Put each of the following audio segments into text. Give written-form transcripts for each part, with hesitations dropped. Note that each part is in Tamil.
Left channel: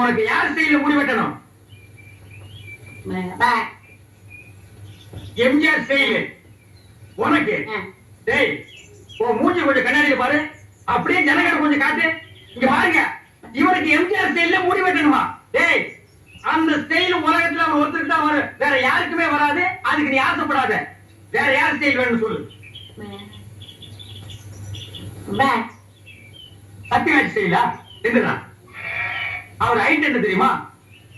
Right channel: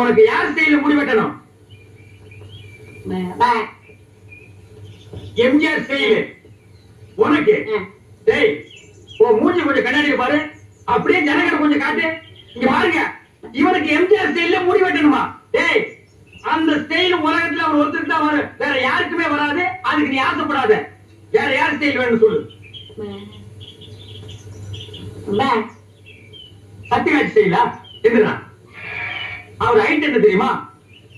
உனக்கு யார் ஸ்டைல முடி வெட்டணும்? எம்ஜிஆர் ஸ்டைல் உனக்கு. டேய் ஓ மூஞ்சி கொஞ்சம் கண்ணாடியில பாரு, அப்படியே ஜனங்கட கொஞ்சம் காட்டு. இங்க பாருங்க, இவனுக்கு எம்ஜிஆர் ஸ்டைல்ல முடி வெட்டணுமா? டேய் அந்த ஸ்டைல் உலகத்துல அவர் ஒருத்தருக்கு தான் வரும், வேற யாருக்குமே வராது. அதுக்கு நீ ஆசைப்படாத. வேற யார் ஸ்டைல் வேணும்னு சொல்லு. சத்யராஜ் ஸ்டைலா? என்னடா அவர் ஹைட் என்ன தெரியுமா?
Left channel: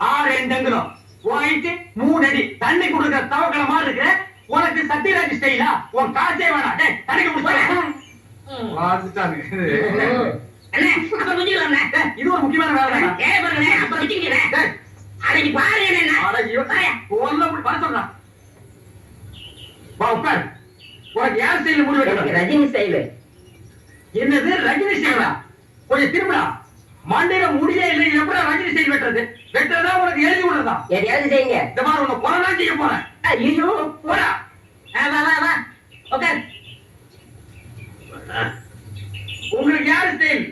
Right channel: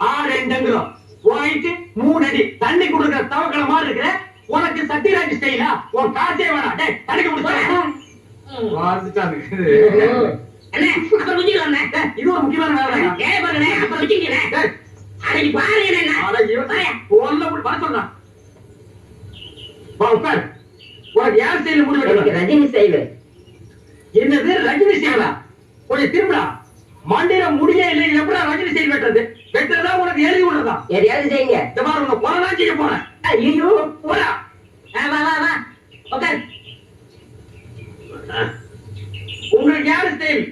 6 அங்குலம், ஹைட் 3 அடி, தண்ணி குடுக்குற தவக்கல மாதிரி இருக்கிற உனக்கு சத்யராஜ் ஸ்டைலா? உன் காசே வேணாம். டேய் தண்ணி குடுத்து வாசிட்டாங்க. அண்ணே அப்புறம் முடியல. இது ஒரு முக்கியமான வேலை. ஏன் பாருங்க அப்புறம் விட்டீங்களே. அடங்கி பாரு என்ன. அட இவன் ஒண்ணு அப்படி வர சொல்றான். வா உட்கார். உனக்கு யார் ஸ்டைல் முடி வெட்டணும்? ரஜினி ஸ்டைல். என்னது ரஜினி ஸ்டைலா? கொஞ்சம் திரும்படா. மண்டையில முடியே இல்லை, எப்படா ரஜினி ஸ்டைல் வெட்டுறது? வெட்டுறதா உனக்கு எழுதி விடுறதா? எதையாவது செய்யுங்க. இந்த மாதிரி உன்னை கொலைதான் செய்ய போறேன். ஐயோ போடா. வா வா வா உட்கார். உங்களுக்கு யாரு ஸ்டைல்?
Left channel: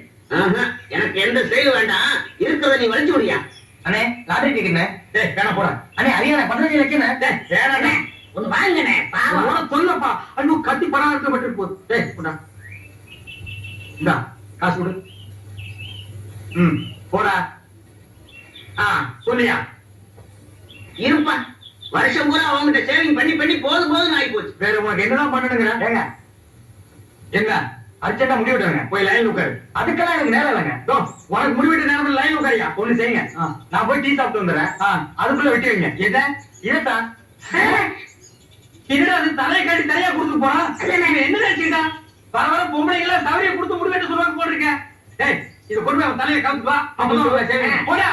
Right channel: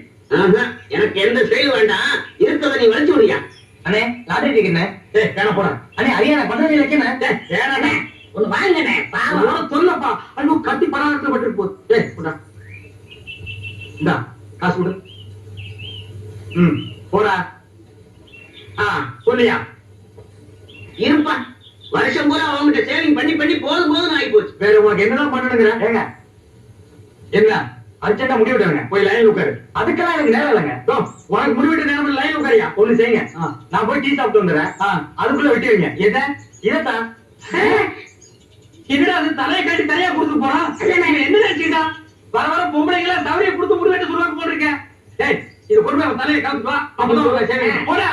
எனக்கு எந்த ஸ்டைல் வேண்டாம், இருக்கிறத நீ வளைச்சு விடுயா. அண்ணே லாட்டரி டிக்கெட். டேய் வேணா போடா. அண்ணே ஹரியானா பண்றது இல்லக்கேண்ணே. டேய் வேணாண்ணே. ஒன்னு வாங்கண்ணே. பாவம் உன சொல்லப்பா. ஐயோ கட்டி பராமரிக்க மட்டும் போ. டேய் போடா. இந்தா காசு கொடு. போடா. சொல்லியா இருப்பா. வருஷம் பூரா அவங்ககிட்ட சேவிங் பண்ணி பண்ணி போதும் போதும் ஆகி போச்சு. வேற உனக்கு என்னதான் பண்ணணுங்கிற? ஏங்க என்ன அர்ஜென்டா முடி விட்டுருங்க, போய் லைன்ல உட்காரு. அதுக்கெல்லாம் எனக்கு நேரம் இல்லைங்க. உனக்கு முடிவிட்ட நேரம் லைன்ல உட்காரியா? ஒண்ணு செய்யுங்க, நான் போய் டீ சாப்பிட்டு வந்துடுறேன். அதுக்குள்ள வெட்டி வைங்க. இதான் என்னடா அது தலையை காட்டி தலையா கொடுத்து போறான். என்ன நினைச்சுக்கிட்டா? வர வர பொம்பளைங்களா தவறையை கொடுத்து முடி வெட்ட சொல்லுவாங்க போட்டிருக்கேன். இதை கொண்டு அவன் தலையை கவுத்து வா. அப்பதான் போடா.